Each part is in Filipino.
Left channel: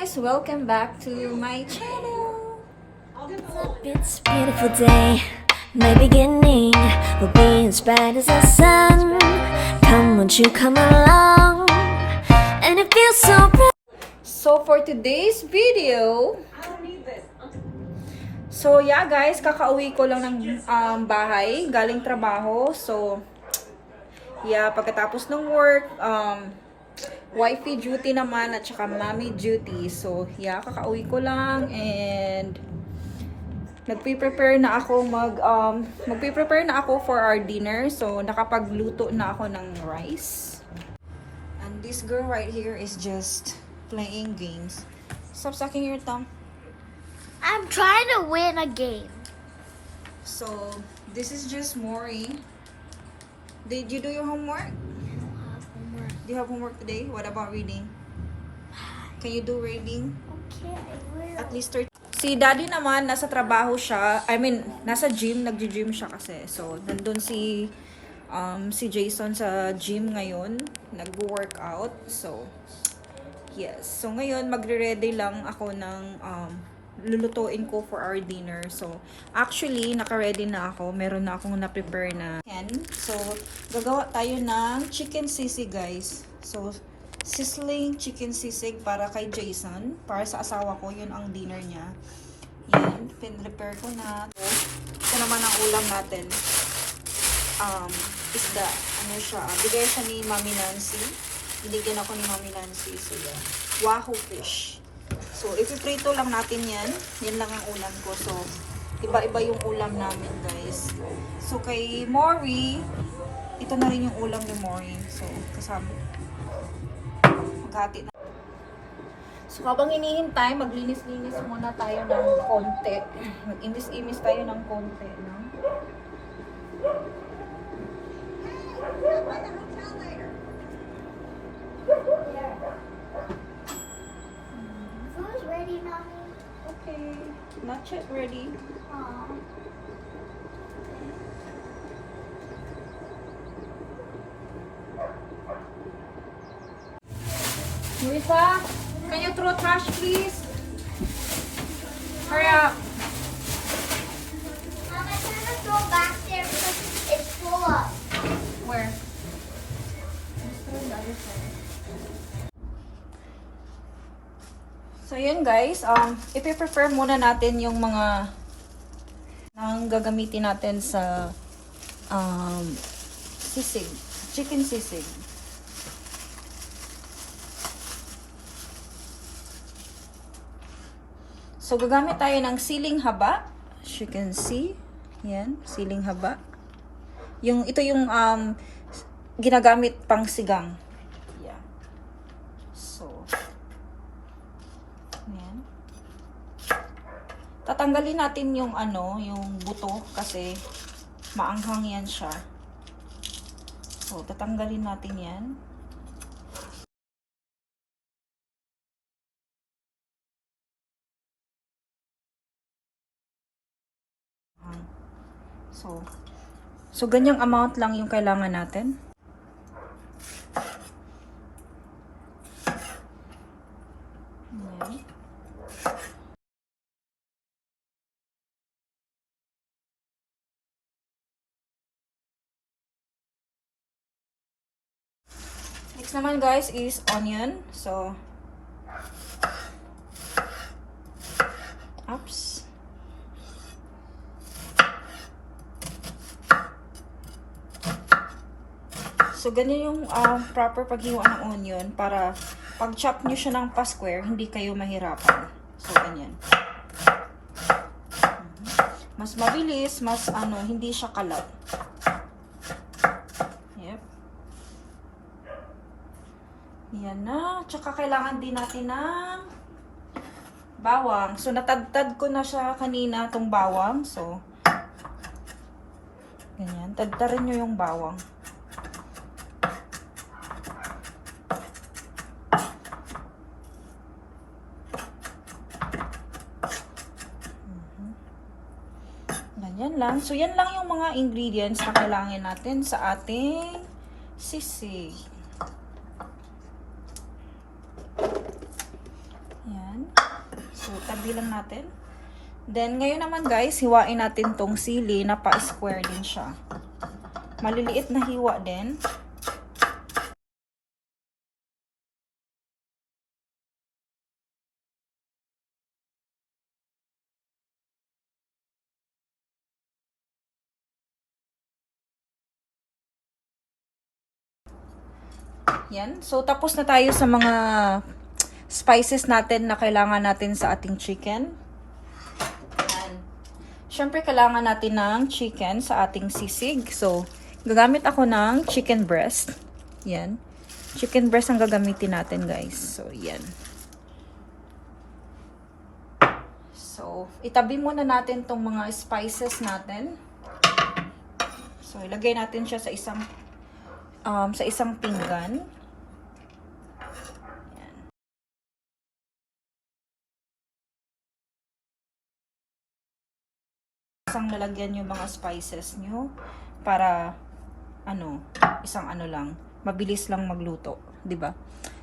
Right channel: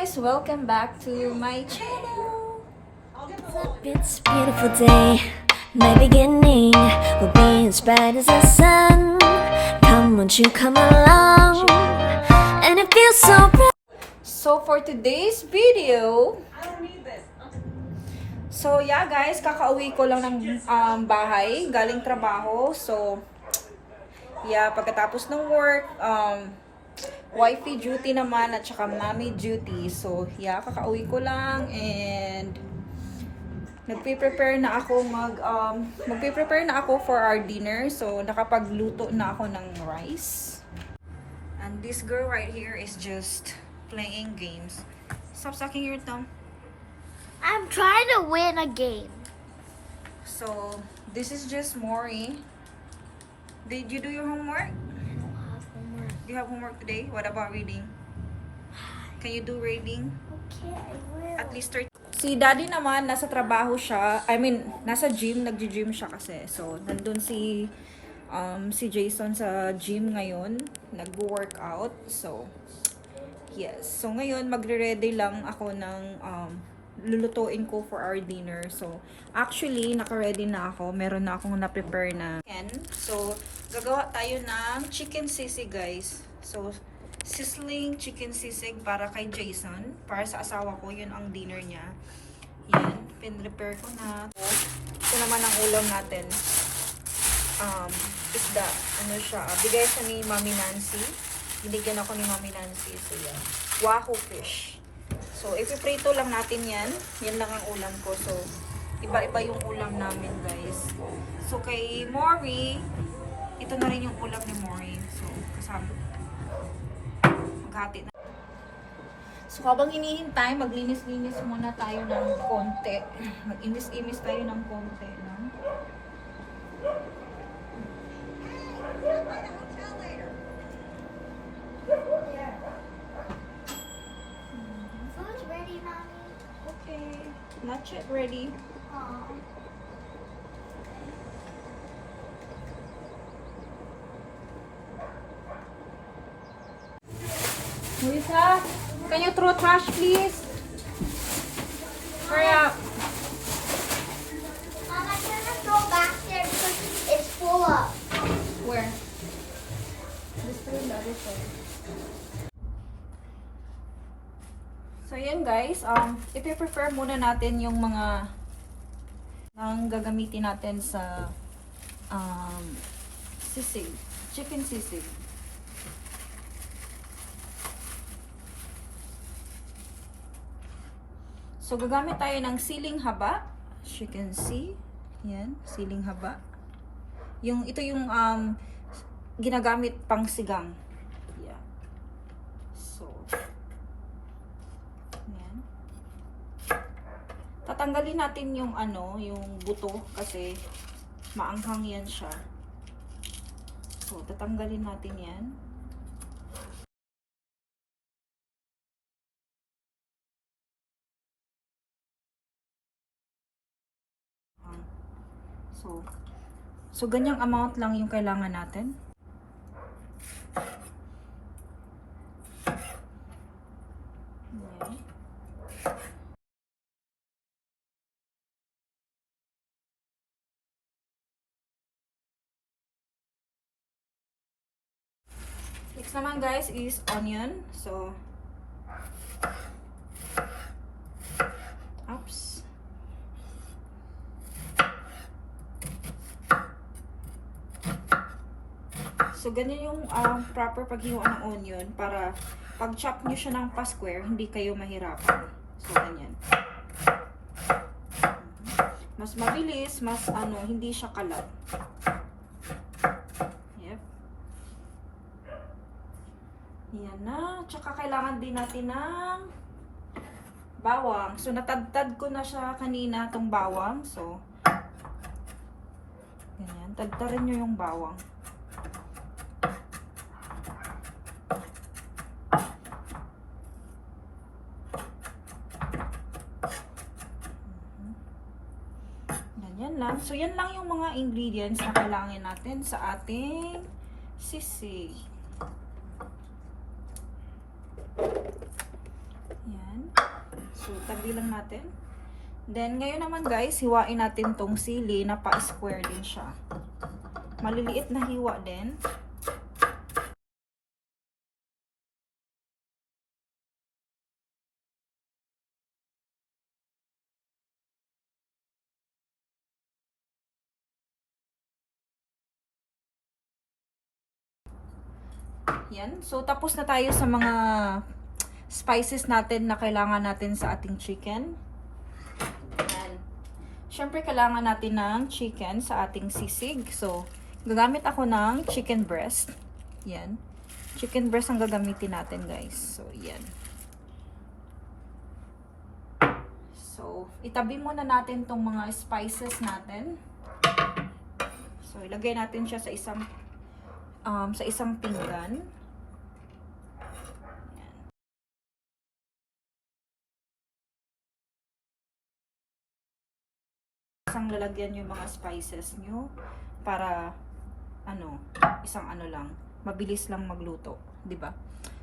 guys! Welcome back to my channel! What's up? It's a beautiful day. My beginning will be as bright as the sun. Come, won't you come along? And it feels so bright. So for today's video, so yeah guys, kakauwi ko lang ng bahay, galing trabaho. So yeah, pagkatapos ng work, wifey duty naman at saka mommy duty. So yeah, kakauwi ko lang and magpe-prepare na ako magpe-prepare na ako for our dinner. So nakapagluto na ako ng rice. And this girl right here is just playing games. Stop sucking your thumb. I'm trying to win a game. So this is just Maury. Did you do your homework? I don't have homework. Do you have homework today? What about reading? Can you do reading? Okay, I will. At least 30. Si daddy naman, nasa trabaho siya. I mean, nasa gym. Nagji-gym siya kasi. So, nandun si Jason sa gym ngayon. Nag-workout. So, yes. So, ngayon, magre-ready lang ako ng lulutuin ko for our dinner. So, actually, naka-ready na ako. Meron na akong na-prepare na. So, gagawa tayo ng chicken sisig, guys. So, sizzling chicken sisig para kay Jason. Para sa asawa ko, yun ang dinner niya. Yan, pin-prepare ko na. Ito naman ang ulam natin. Isda. Ano siya? Bigay siya ni Mami Nancy. Binigyan ako ni Mami Nancy. So, yan. Wahoo fish. So, ipiprito lang natin yan. Yan lang ang ulam ko. So, iba-iba yung ulam namin, guys. So, kay Maury, ito na rin yung ulam ni Maury. So, kasama. Maghati na. So, habang hinihintay, maglinis-linis muna tayo ng konti. Mag-imis-imis tayo ng konti. No? Food's ready, Mommy. Okay. Not yet ready. Aw. Lisa, can you throw trash, please? Hurry up. Mama, turn the floor back there because it's full up. Where? This one, the other side. So, yun guys. Ipi-prepare muna natin yung mga nang gagamitin natin sa sisig. Chicken sisig. So, gagamit tayo ng siling haba. As you can see. Yan, siling haba. Ito yung ginagamit pang sigang. Yeah. So, yan. Tatanggalin natin yung yung buto kasi maanghang yan siya. So, tatanggalin natin yan. So ganyang amount lang yung kailangan natin. Ayan. Next naman guys is onion. So, oops. So, ganyan yung proper paghiwa ng onion para pag chop nyo siya ng pa-square, hindi kayo mahirapan. So, ganyan. Mas mabilis, mas hindi siya kalat. Yep. Yan na. Tsaka kailangan din natin ng bawang. So, natadtad ko na siya kanina, itong bawang. So, ganyan. Tadtarin nyo yung bawang. Yan lang. So, yan lang yung mga ingredients na kailangan natin sa ating sisig. Yan. So, tabi lang natin. Then, ngayon naman guys, hiwain natin tong sili na pa-square din siya. Maliliit na hiwa din. Yan. So, tapos na tayo sa mga spices natin na kailangan natin sa ating chicken. Yan. Siyempre, kailangan natin ng chicken sa ating sisig. So, gagamit ako ng chicken breast. Yan. Chicken breast ang gagamitin natin, guys. So, yan. So, itabi muna natin tong mga spices natin. So, ilagay natin siya sa isang pinggan. Isang lalagyan yung mga spices nyo para isang lang, mabilis lang magluto, 'di ba?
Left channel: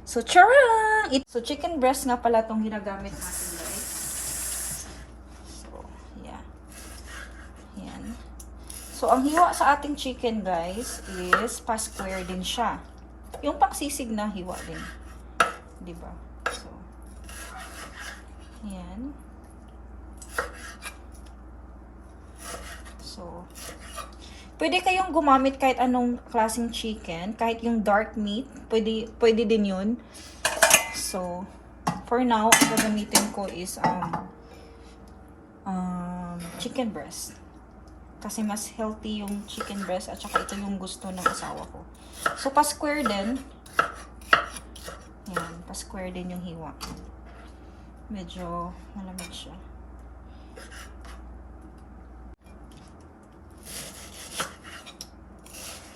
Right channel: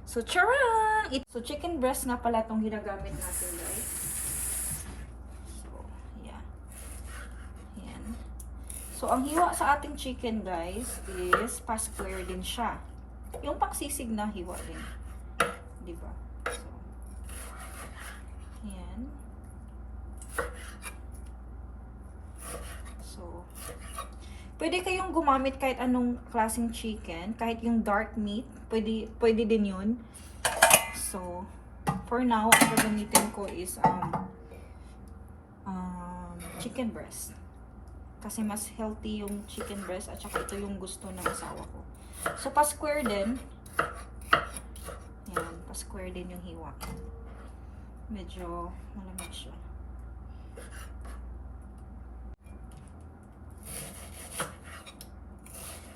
So, charang! So, chicken breast nga pala tong ginagamit natin, guys. So, yeah. Yan. So, ang hiwa sa ating chicken, guys, is pa-square din siya. Yung pangsisig na hiwa din. 'Di ba? So, yan. So, pwede kayong gumamit kahit anong klaseng chicken, kahit yung dark meat, pwede din yun. So, for now, ang gagamitin ko is chicken breast. Kasi mas healthy yung chicken breast at saka ito yung gusto ng asawa ko. So, pa-square din. Yan, pa-square din yung hiwa. Medyo malamig siya.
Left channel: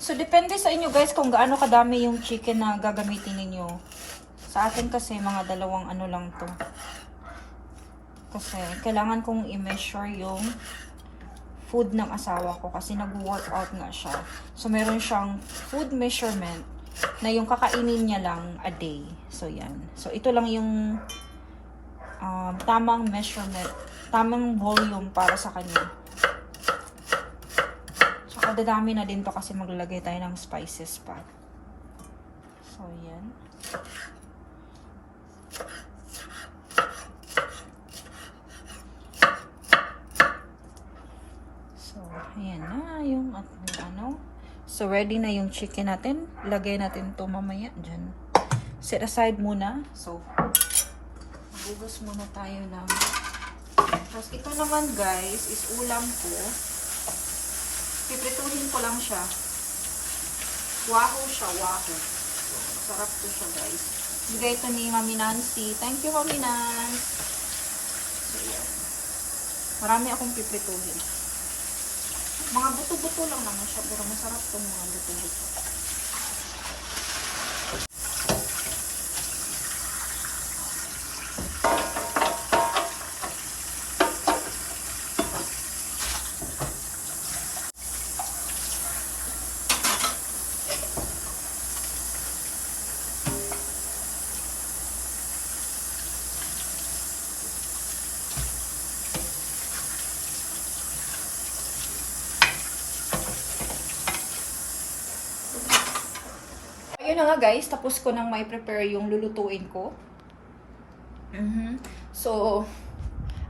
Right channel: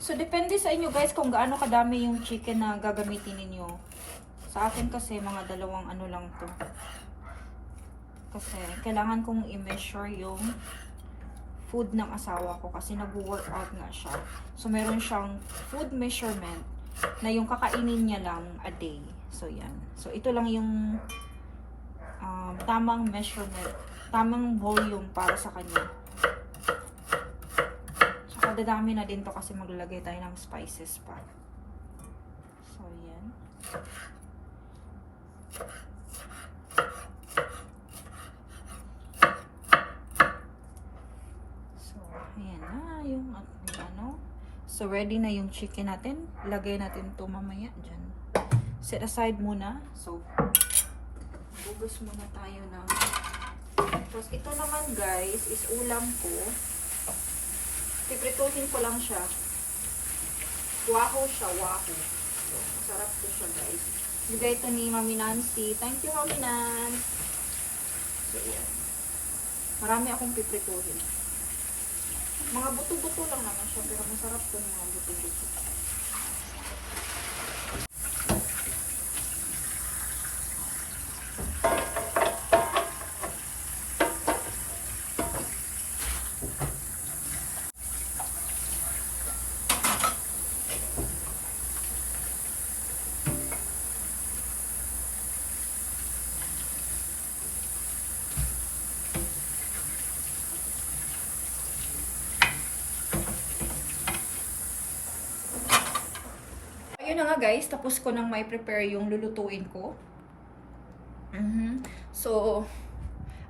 So, depende sa inyo guys kung gaano kadami yung chicken na gagamitin ninyo. Sa akin kasi, mga dalawang lang to. Kasi, kailangan kong i-measure yung food ng asawa ko kasi nag-workout nga siya. So, meron siyang food measurement na yung kakainin niya lang a day. So, yan. So, ito lang yung tamang measurement, tamang volume para sa kanya. Dadami na din to kasi maglalagay tayo ng spices pa. So, yan. So, ayan na yung So, ready na yung chicken natin. Lagay natin to mamaya dyan. Set aside muna. So, bugos muna tayo ng... Tapos, ito naman guys is ulam ko. Piprituhin ko lang siya. Wahoo siya, wahoo. So, masarap to siya, guys. Bigay ito ni Mami Nancy. Thank you, Mami Nancy. So, yan. Marami akong piprituhin. Mga buto-buto lang naman siya, pero masarap itong mga buto-buto. Ayun na nga guys, tapos ko nang may prepare yung lulutuin ko. So,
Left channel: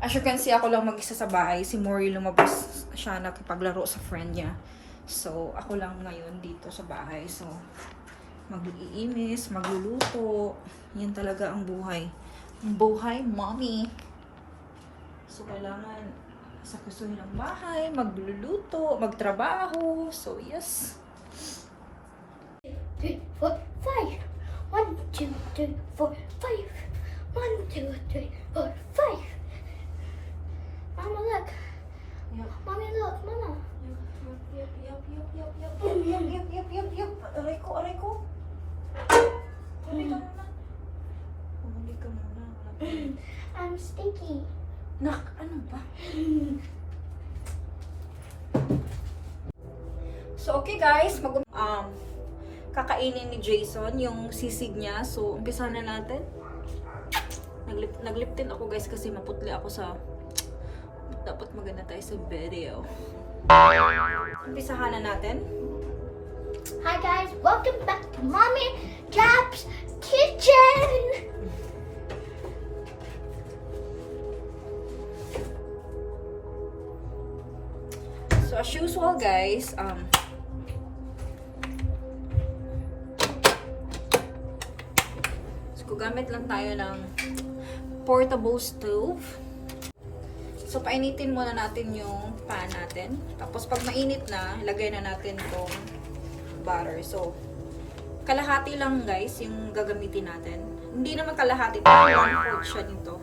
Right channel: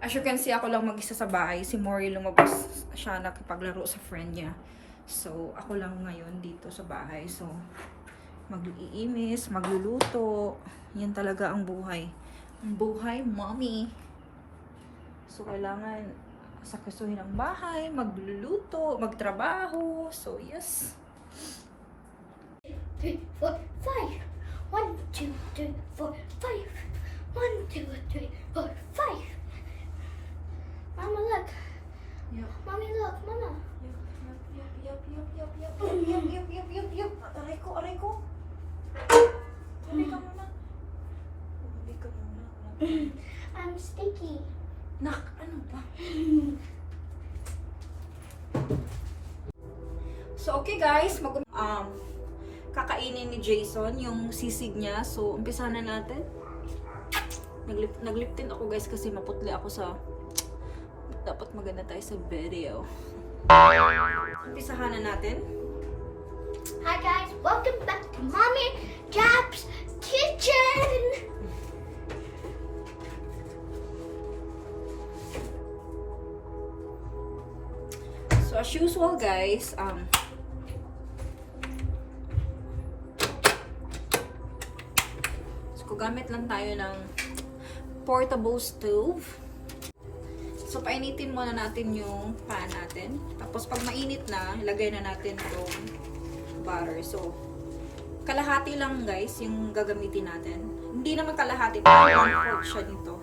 as you can see, ako lang mag-isa sa bahay. Si Mori lumabas siya nakipaglaro sa friend niya. So, ako lang ngayon dito sa bahay. So, mag-iimis, magluluto. Yan talaga ang buhay. Ang buhay, mommy. So, kailangan sakusuhin ang bahay, magluluto, magtrabaho. So, yes. 3, 4, 5. 1, 2, 3, 4, 5. 1, 2, 3, 4, 5. Mama, look. Yep. Mommy, look. Mama. Yup. Aray ko. Huli ka muna. I'm sticky. Nak, ano ba? So, okay guys, kakainin ni Jason yung sisig niya. So, umpisa na natin. Naglip tint ako guys kasi maputli ako sa... Dapat maganda tayo sa video. Umpisahan na natin. Hi guys, welcome back to Mommy Jap's Kitchen. So as usual guys, so gamit lang tayo ng portable stove. So painitin muna natin yung pan natin. Tapos pag mainit na, ilagay na natin tong butter. So kalahati lang guys yung gagamitin natin. Hindi naman kalahati, parang 1/4 siya nito.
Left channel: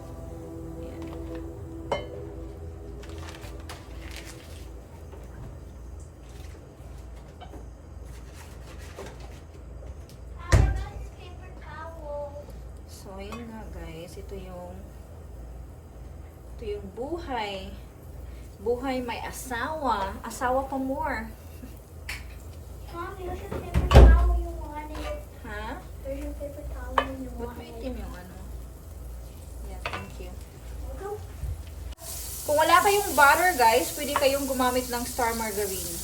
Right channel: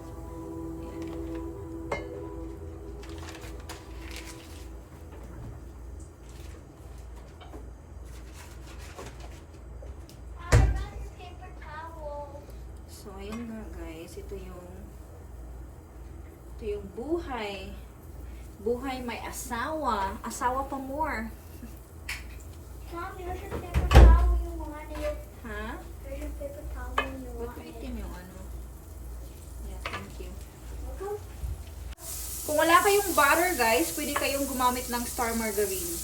So, ayun nga guys, ito yung buhay. Buhay may asawa. Asawa pa more. Mommy, there's your paper towel you wanted. Ha? There's your paper towel you Ba't wanted. maitim yung ano? Yeah, thank you. Kung wala kayong butter guys, pwede kayong gumamit ng star margarine.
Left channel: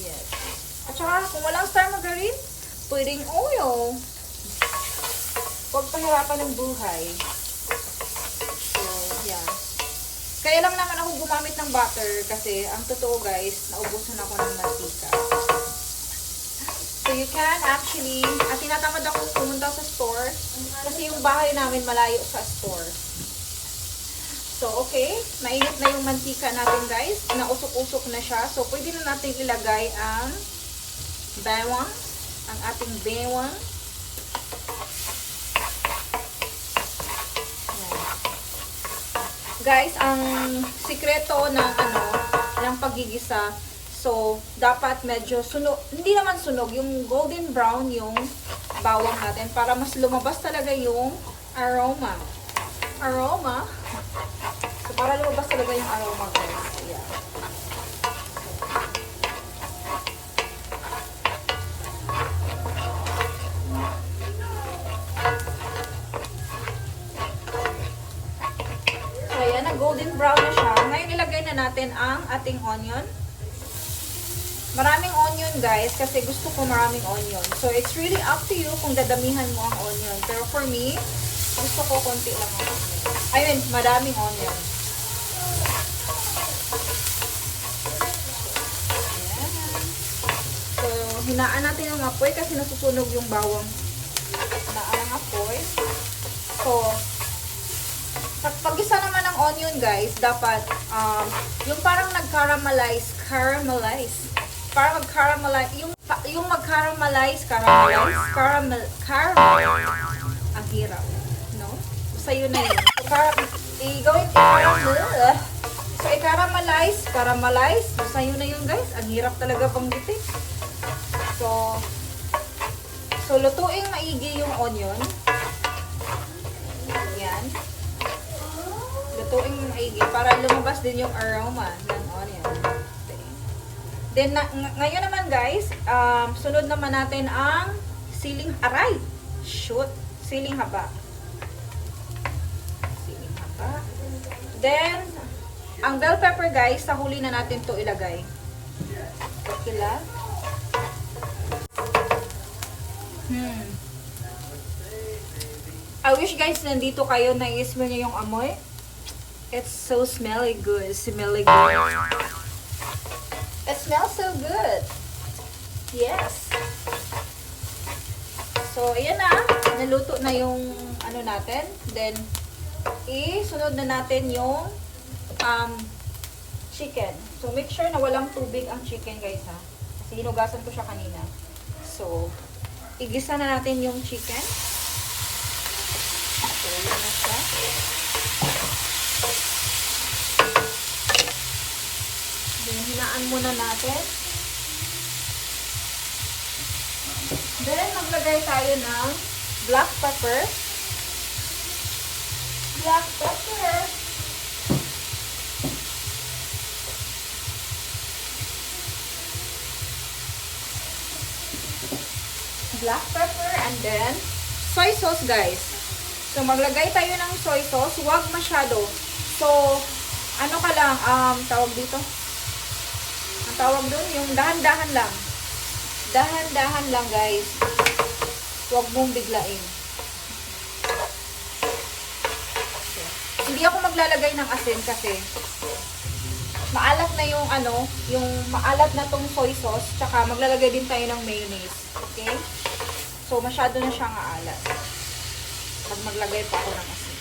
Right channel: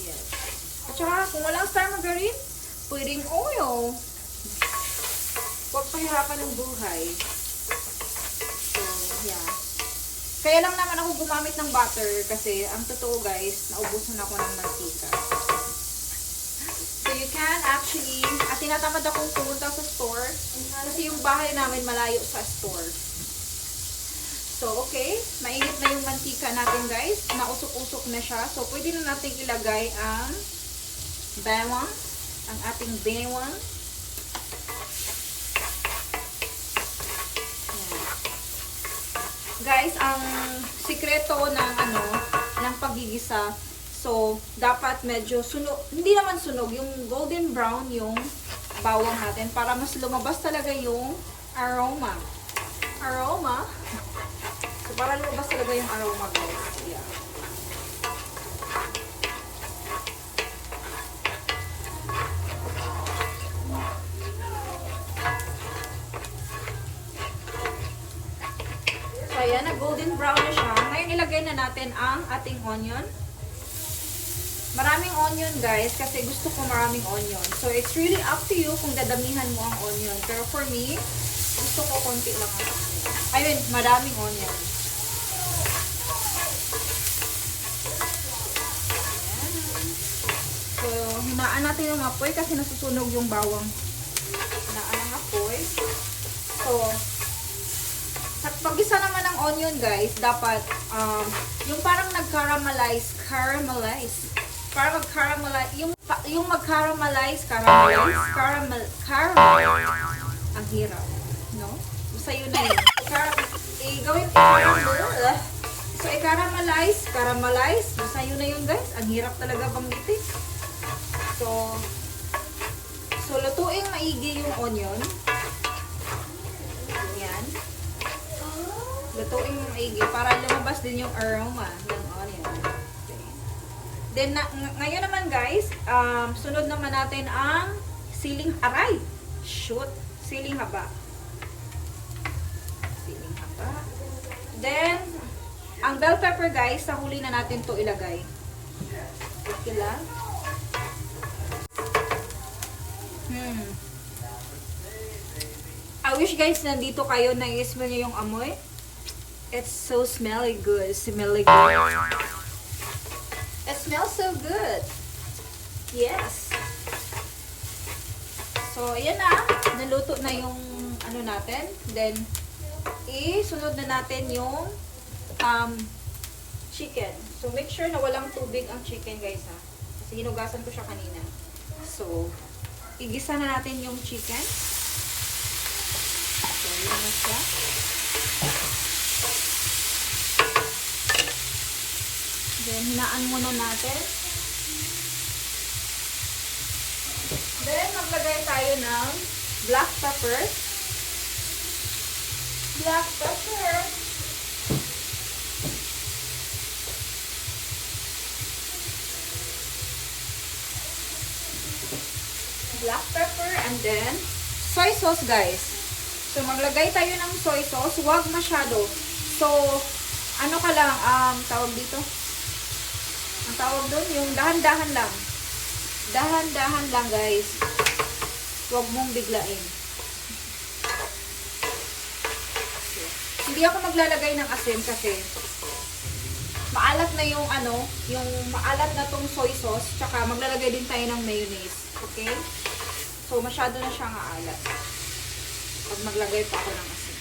Yes. At saka, kung walang star margarine, pwedeng oil. Huwag pahirapan ng buhay. So, yeah. Kaya lang naman ako gumamit ng butter kasi ang totoo guys, naubusan ako ng mantika. So, you can actually, at tinatamad akong pumunta sa store kasi yung bahay namin malayo sa store. So, okay. Mainit na yung mantika natin guys. Nausok-usok na siya. So, pwede na natin ilagay ang bawang. Ang ating bawang. Guys, ang sikreto ng ng pagigisa, so dapat medyo sunog, hindi naman sunog, yung golden brown yung bawang natin para mas lumabas talaga yung aroma. Aroma. So para lumabas talaga yung aroma, guys. Yeah. Ayan, na golden brown na siya. Ngayon, ilagay na natin ang ating onion. Maraming onion, guys, kasi gusto ko maraming onion. So, it's really up to you kung dadamihan mo ang onion. Pero for me, gusto ko konti lang ang onion. I mean, maraming onion. Ayan. So, hinaan natin yung apoy kasi nasusunog yung bawang. Hinaan ang apoy. So, pag-isa naman ng onion guys, dapat yung parang nag-caramelize, parang mag-caramelize, yung mag-caramelize, caramel, ang hirap, no? Basta yun na yun. Gawin so, caramelize, basta yun na yun guys, ang hirap talaga banggitin. So, lutuing maigi yung onion. Yan. Lutuin mo maigi para lumabas din yung aroma ng onion. Okay. Then, ngayon naman guys, sunod naman natin ang siling aray. Siling haba. Siling haba. Then, ang bell pepper guys, sa huli na natin to ilagay. Okay lang. I wish guys nandito kayo na i-smell nyo yung amoy. It's so smelly good. It smells so good. Yes. So, ayan na. Naluto na yung ano natin. Then, isunod na natin yung chicken. So, make sure na walang tubig ang chicken guys ha. Kasi hinugasan ko siya kanina. So, igisa na natin yung chicken. So, ayan na siya. Then, hinaan muna natin. Then, maglagay tayo ng black pepper. Black pepper. Black pepper and then soy sauce guys. So, maglagay tayo ng soy sauce. Huwag masyado. So, ano ka lang, tawag dito? Ang tawag doon, yung dahan-dahan lang. Dahan-dahan lang, guys. Huwag mong biglain. Okay. Hindi ako maglalagay ng asin kasi maalat na yung yung maalat na tong soy sauce. Tsaka maglalagay din tayo ng mayonnaise. Okay? So, masyado na siyang aalat. Pag maglagay pa ako ng asin.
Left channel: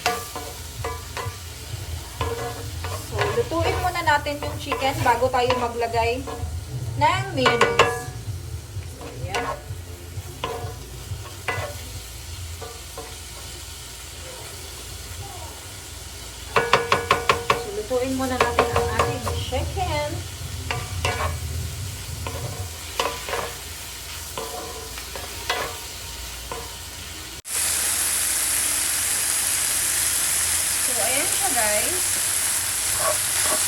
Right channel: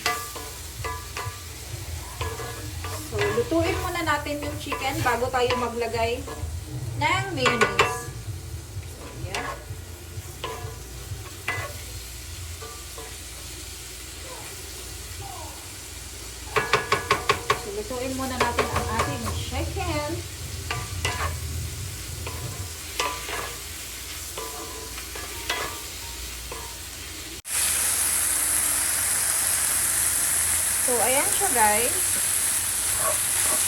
So, lutuin muna natin yung chicken bago tayo maglagay ng mayonnaise. So, yan. So, lutuin muna natin ang ating chicken. So, ayan siya, guys.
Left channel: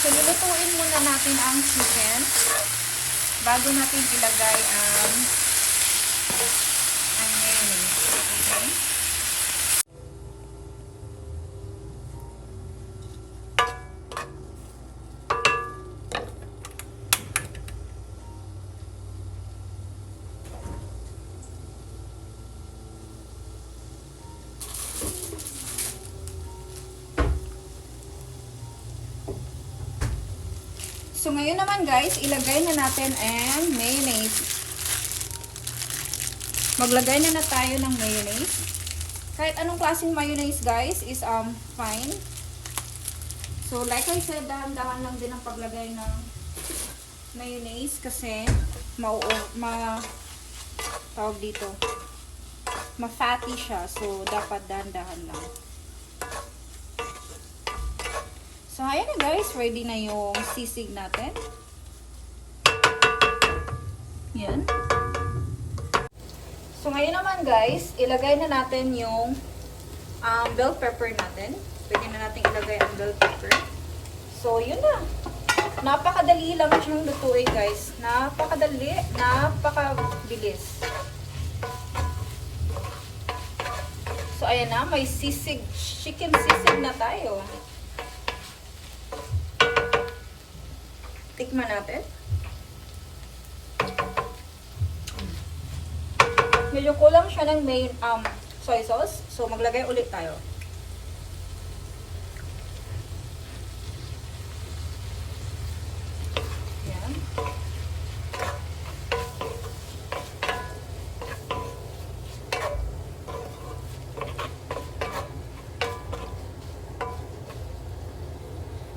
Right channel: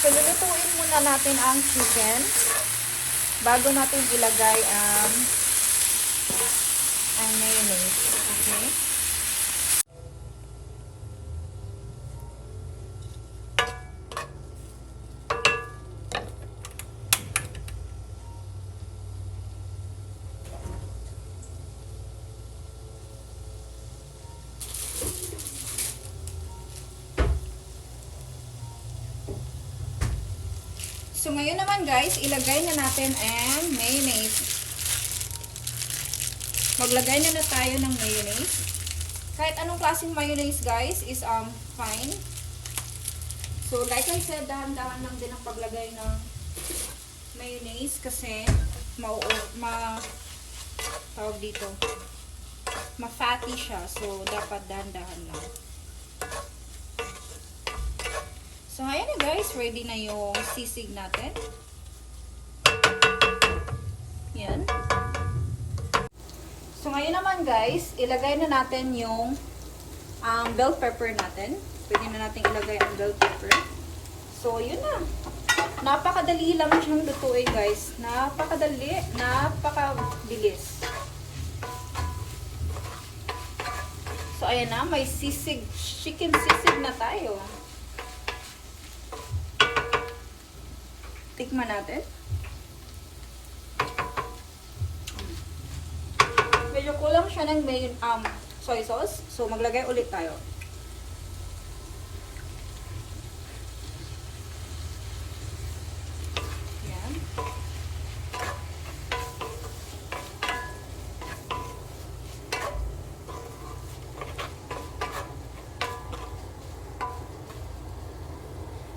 So, lulutuin muna natin ang chicken bago natin ilagay ang mayonnaise. Okay? So, ngayon naman guys, ilagay na natin ang mayonnaise. Maglagay na tayo ng mayonnaise. Kahit anong klaseng mayonnaise guys is fine. So, like I said, dahan-dahan lang din ang paglagay ng mayonnaise kasi tawag dito, ma-fatty siya. So, dapat dahan-dahan lang. So, ayan na guys. Ready na yung sisig natin. Yan. So, ngayon naman guys, ilagay na natin yung bell pepper natin. Pwede na natin ilagay ang bell pepper. So, yun na. Napakadali lang siyang lutuin guys. Napakadali. Napakabilis. So, ayan na. May sisig. Chicken sisig na tayo. Tikman natin. Medyo kulang siya ng soy sauce. So, maglagay ulit tayo. Yan.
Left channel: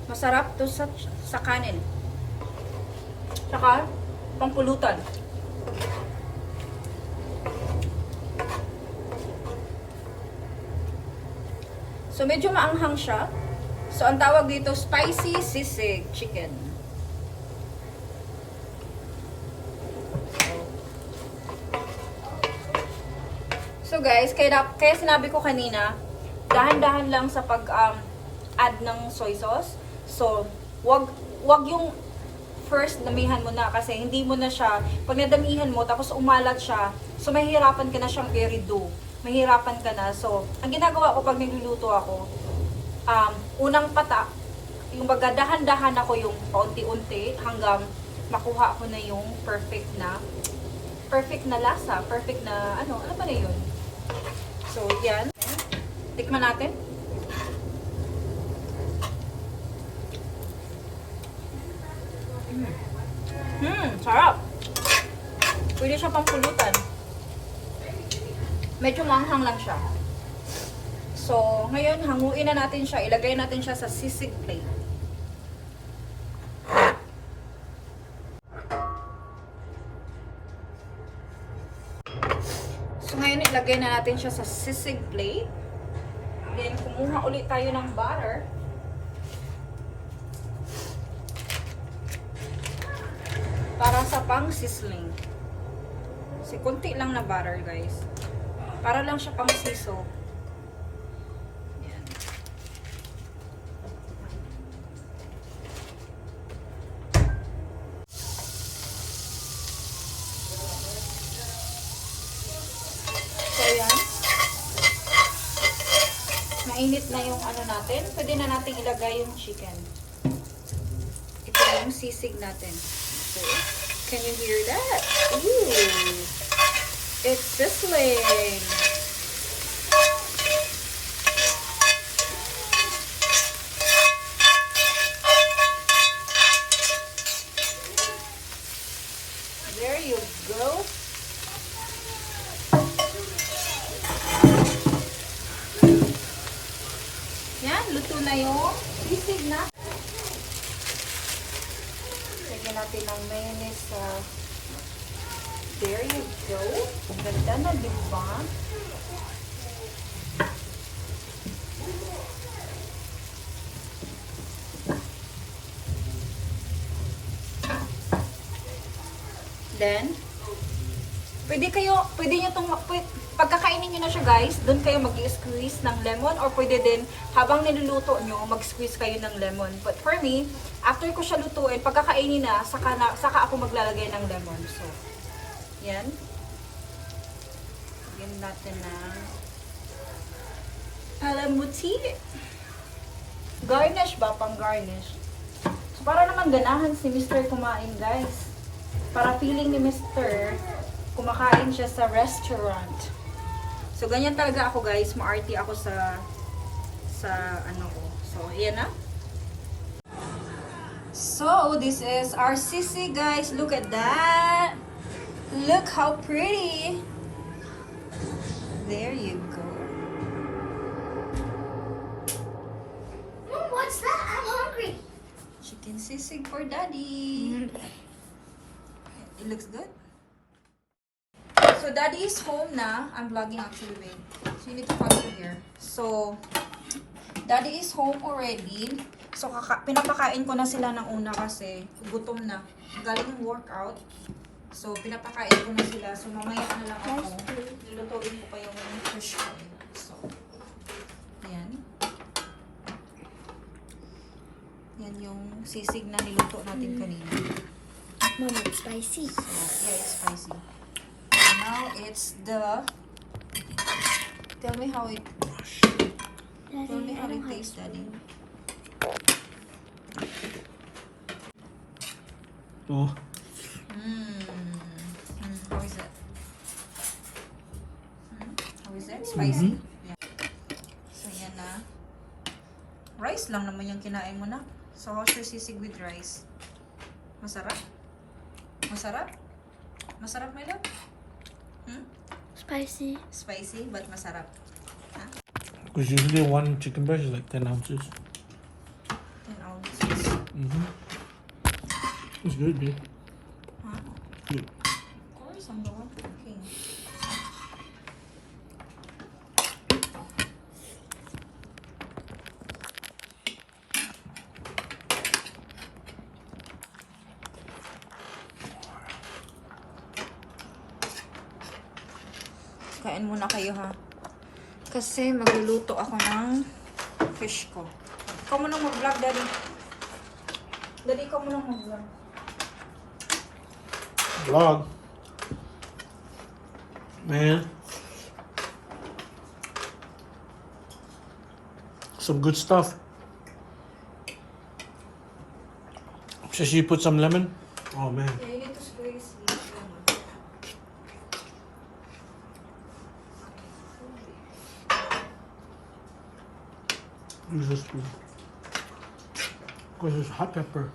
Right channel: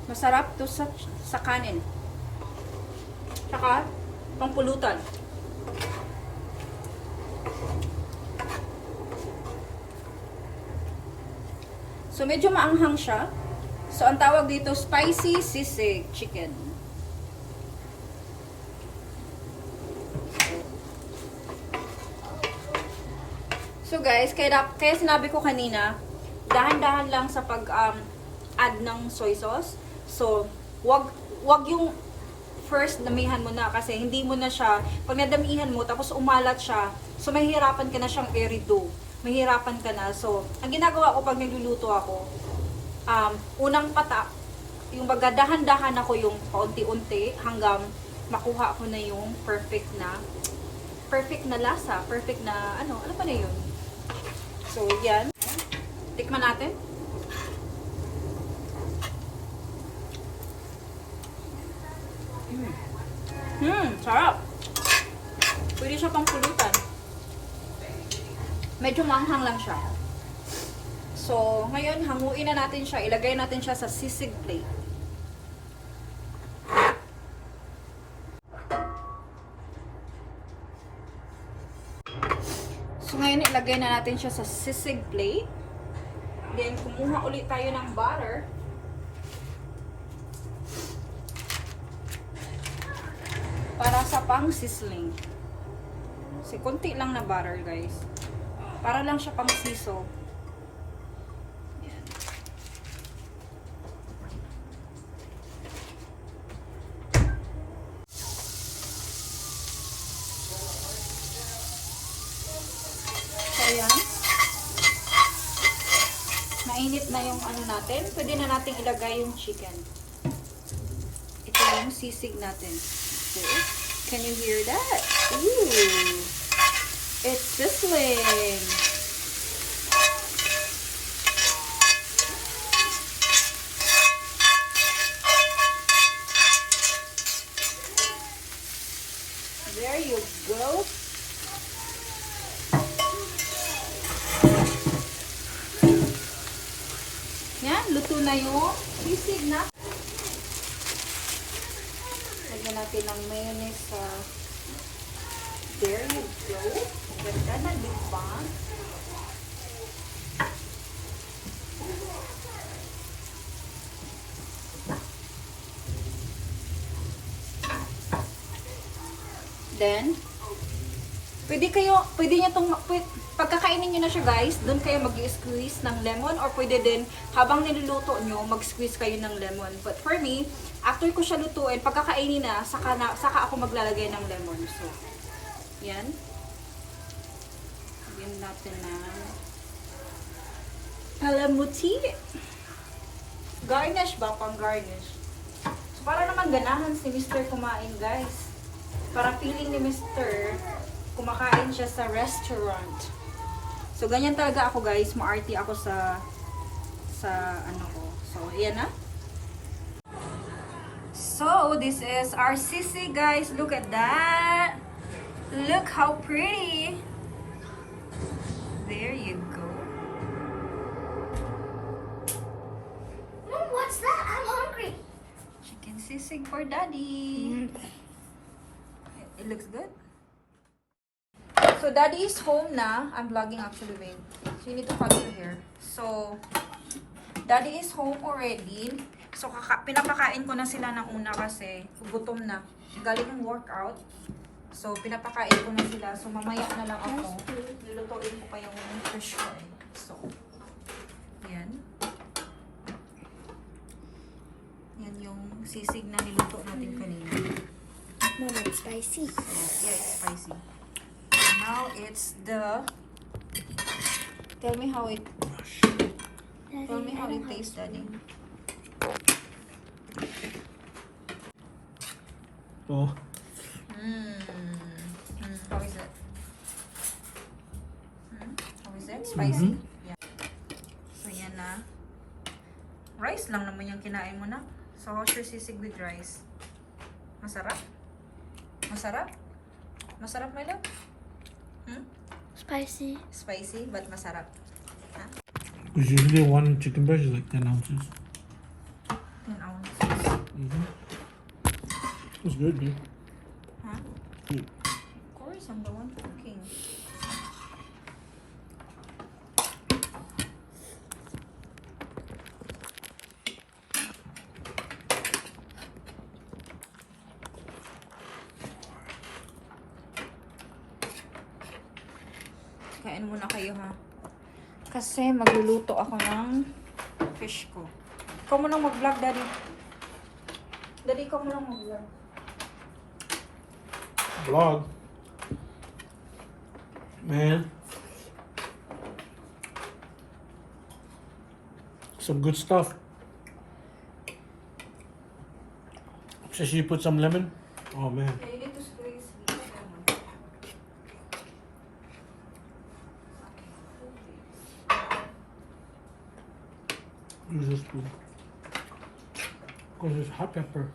Masarap to sa kanin. Tsaka, pangpulutan. So, medyo maanghang siya. So, ang tawag dito, spicy sisig chicken. So, guys, kaya sinabi ko kanina, dahan-dahan lang sa pag-add ng soy sauce. So, wag yung first, damihan mo na kasi hindi mo na siya, pag nadamihan mo, tapos umalat siya, so mahihirapan ka na siyang i-redo. Mahihirapan ka na. So, ang ginagawa ko pag nagluluto ako, unang patak, yung baga dahan-dahan ako yung paunti-unti hanggang makuha ko na yung perfect na lasa, perfect na, ano pa na yun. So, yan. Tikman natin. Sarap. Pwede siya pang pulutan. Medyo manghang lang siya. So, ngayon, hanguin na natin siya. Ilagay natin siya sa sisig plate. So, ngayon, ilagay na natin siya sa sisig plate. Then, kumuha ulit tayo ng butter. Para sa pang sizzling. Kasi konti lang na butter, guys. Para lang siya pang siso. Yan. So, ayan. na yung ano natin, pwede na natin ilagay yung chicken. Ito yung sisig natin. So, can you hear that? Ooh! It's sizzling! There you go. Yan, luto na yung sisig na. Lagyan natin ng mayonnaise sa... There you go. Ganda na, di ba? Then, pwede nyo itong, pagkakainin nyo na siya guys, doon kayo mag-squeeze ng lemon or pwede din, habang niluluto nyo, mag-squeeze kayo ng lemon. But for me, after ko siya lutuin, pagkakainin na, saka ako maglalagay ng lemon. So, yan. Lagyan natin ng palamuti. Garnish ba? Pang garnish. So, para naman ganahan si Mr. kumain guys. Para feeling ni Mr. kumakain siya sa restaurant. So, ganyan talaga ako guys. Maarte ako sa ano ko. So, yan na. So, this is our sisig guys. Look at that. Look how pretty. There you go. Mom, what's that? I'm hungry. Chicken sisig for daddy. It looks good. So, daddy is home na. I'm vlogging actually, babe. So, you need to follow here. So, daddy is home already. So, pinapakain ko na sila ng una kasi gutom na. Galing ng workout. So, pinapakain ko na sila. So, mamaya na lang ako. Lulutuin ko pa yung fish ko. So, yan. Yan yung sisig na niluto natin kanina. Mom, it's spicy. So, yeah, it's spicy. Now, it's the... Tell me how it... Tell me how it tastes, daddy. Oh. How is it? How is it? Spicy? Yeah. So, yan na. Rice lang naman yung kinain mo na. So, how's your sisig with rice? Masarap? Masarap? Masarap, my love? Spicy. Spicy, but masarap. Huh? Because usually one chicken breast is like 10 ounces. 10 ounces. It's good, babe. Huh? Good. Of course, I'm the one cooking. Kain muna kayo ha. Kasi magluluto ako ng fish ko. Ikaw mo nang mag-vlog, daddy. Daddy, ikaw mo nang mag-vlog. Vlog. Man. Some good stuff. Should you put some lemon? Oh man. Yeah, you need to squeeze. Use this food. Because it's hot pepper.